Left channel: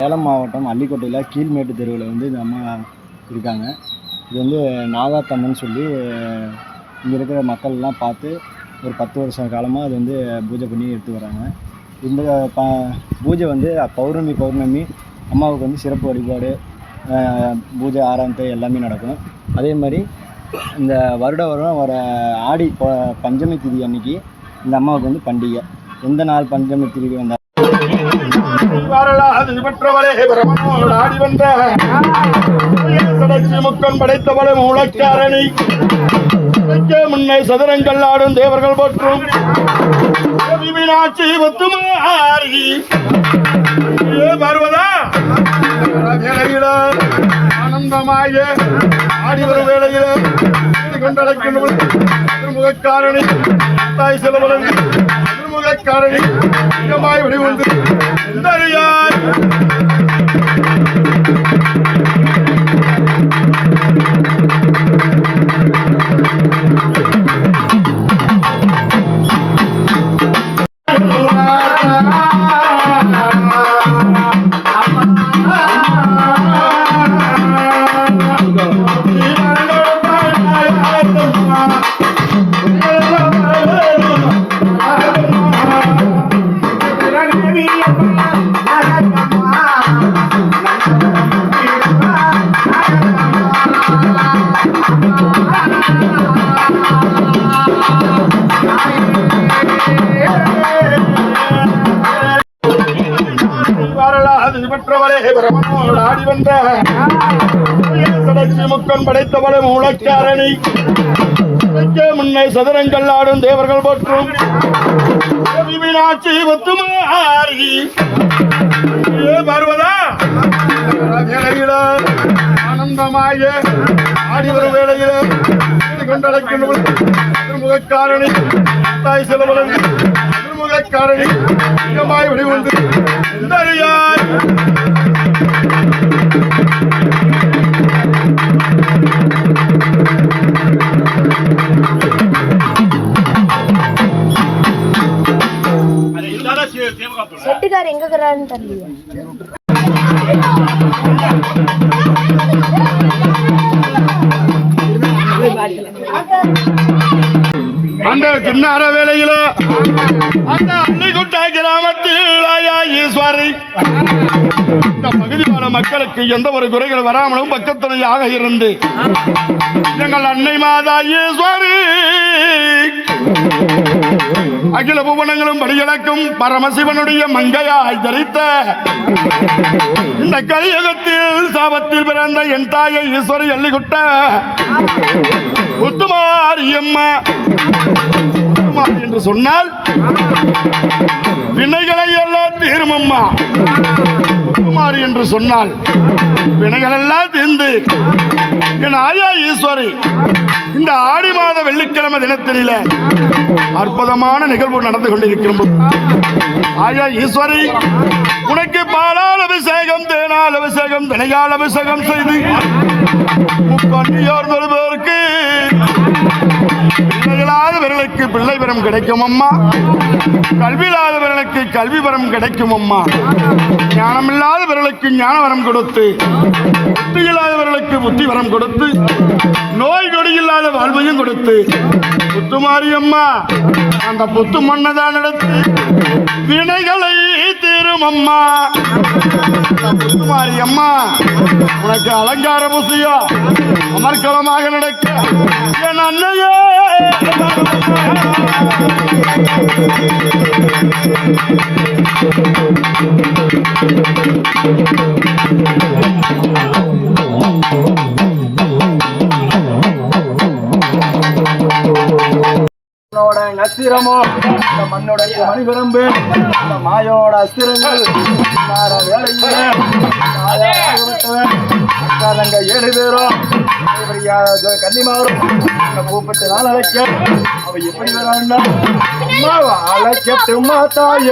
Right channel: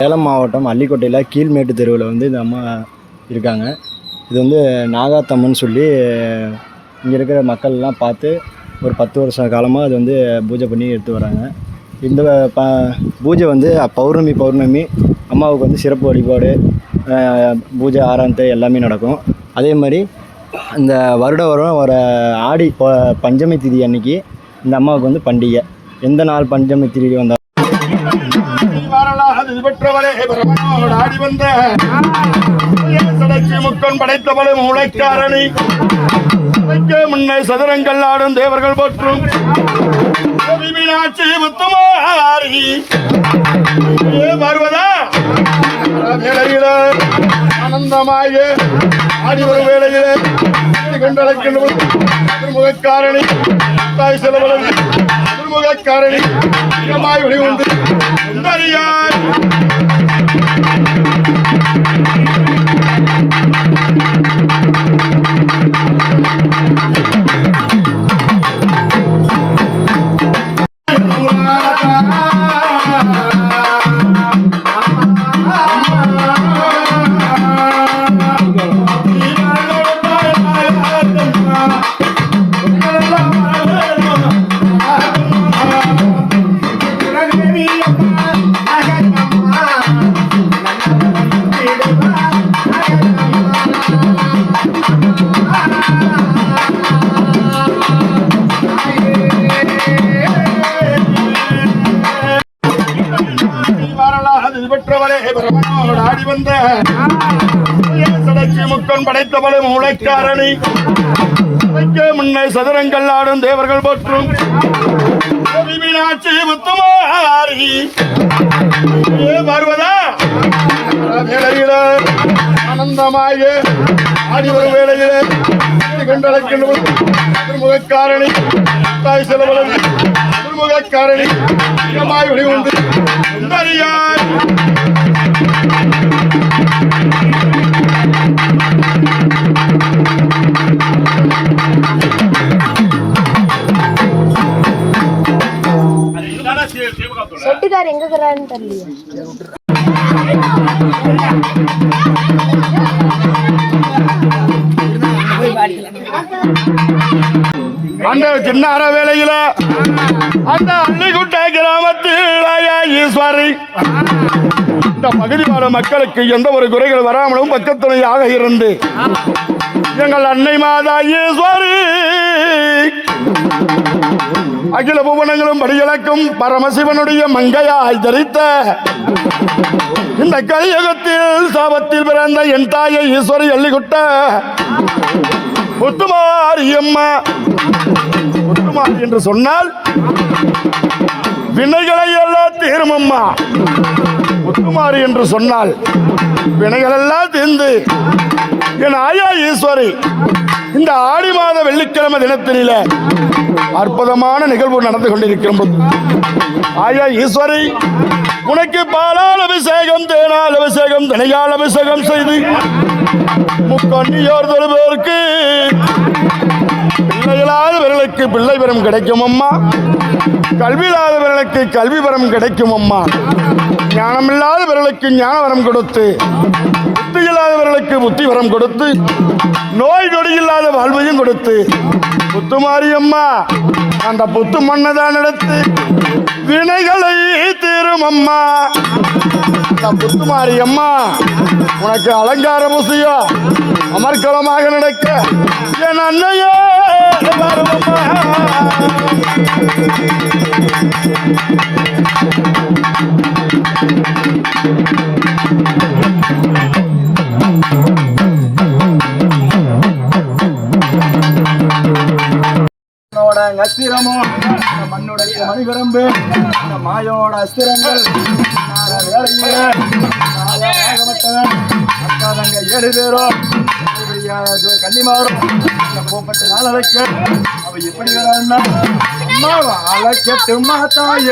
சேலம் மாவட்டம் அள்ளிக்கோட்டையில் கீழ்மேட்டு தெருவில் வந்து இந்த அம்மா இருக்காங்க. இது வந்து நாகாத்தம்மன் சொல்லி இங்கே இருக்கிற மக்கள்லாம் பார்த்து ஒரு 10 வருஷ காலமாக அது வந்து பூஜை பண்ணி எடுத்து வராங்க. இந்த பூஜை வந்து பௌர்ணமி அம்மாவுக்கு வந்து சிறப்பு வழிபாடு, பூஜை ஆராதனை எல்லாமே நடக்கும். அதே மாதிரி இந்த வருடம் வர ஆடி பஞ்சமி திதி அன்னைக்கு இந்த அம்மாவுக்கு வந்து பண்டிகை. எந்த நாள் பஞ்சமி திதி வந்தால் ஆடி வந்த முக்கன் படைத்தவளும் உழைக்காரணி முன்னே சதுரங்கள் ஆடும் தேவர்கள் போற்றும் மீனாட்சி முத்துமாரி வருவதா வேளையில ஆனந்தமாக ஆடி வரும் வேளையிலே கொண்டடைக்கின்ற திருமுகக்காரணி தாய் செலவளம் திருமுகக்காரணி வெளிவந்து உண்டறியார் ஆடி வந்த முக்கன் படைத்தவளும் உழைக்காரணி முன்னே சதுரங்கள் ஆடும் தேவர்கள் போற்றும் மீனாட்சி முத்துமாரி வருவதா வேளையில ஆனந்தமாக ஆடி வரும் வேளையிலே கொண்டடைக்கின்ற திருமுகக்காரணி தாய் செலவளம் திருமுகக்காரணி வெளிவந்து உண்டறியார் செட்டுக்கார் எங்க இருக்கிறான்னு தெரியல. சின்ன வேலையில அந்த அள்ளிக்குட்டை கிராமத்தில் ஈஸ்வரி இந்த பகுதிவாழ மக்களுக்கு எந்த ஒரு குறைகள் வராமலும் பக்கத்துணையாக இருந்து எங்கள் அன்னை மாதா ஈஸ்வரி அகில புவனங்களும் படிகளுக்கும் பரமசிவனுடைய மங்கையாய் தரித்த இந்த கலியுகத்தில் சாபத்தில் பிறந்த என் தாயை ஈஸ்வரி அள்ளிக்குட்ட முத்துமாரியம்மா என்று சொன்னால் வினைகளை எல்லாம் தீரும் அம்மா. முத்துமாரி என்று சொன்னால் வினைகள் எல்லாம் தீர்ந்து என் ஆயா ஈஸ்வரி இந்த ஆடி மாத வெள்ளிக்கிழமை தினத்திலே அற்புதமான நிகழ்வு நடந்து கொண்டிருக்கிறோம். ஆயா ஈஸ்வரி உனக்கு பாலால் அபிஷேகம், தேனால் அபிஷேகம், தினையால் அபிஷேகம் செய்து முக்கண்ணியோர் வருவதற்கு பிள்ளைகளாதவர்களுக்கு பிள்ளை வரம் கிடைக்கும் அம்மா. கல்வியில்லாதவர்களுக்கு கல்வி வரம் கிடைக்கும் அம்மா. ஞானமில்லாதவர்களுக்கு ஞான வரம் கொடுத்து, புத்தி இல்லாதவர்களுக்கு புத்தி வரம் கொடுத்து, நோய் நொடி இல்லாத வாழ்வையும் கொடுத்து முத்துமாரியம்மா அந்த புத்து மன்னதான் நடத்து வினைகளை தீரும் அம்மா. முத்துமாரியம்மா உனக்கு அலங்கார பூசையா அமர்க்கலமாக நடக்க என் அன்னையே அஸ்திரமோ இந்த மண்ணோட மணிபரம்பு இந்த மாயோட அஸ்திரங்கள் வேலையில அக்காதங்க 7 பேரும் கன்னிமாரும் கூப்பிட்டு நாள் அழைக்க அவ எப்படி வரான்னா அழைக்கட்டுமா தாய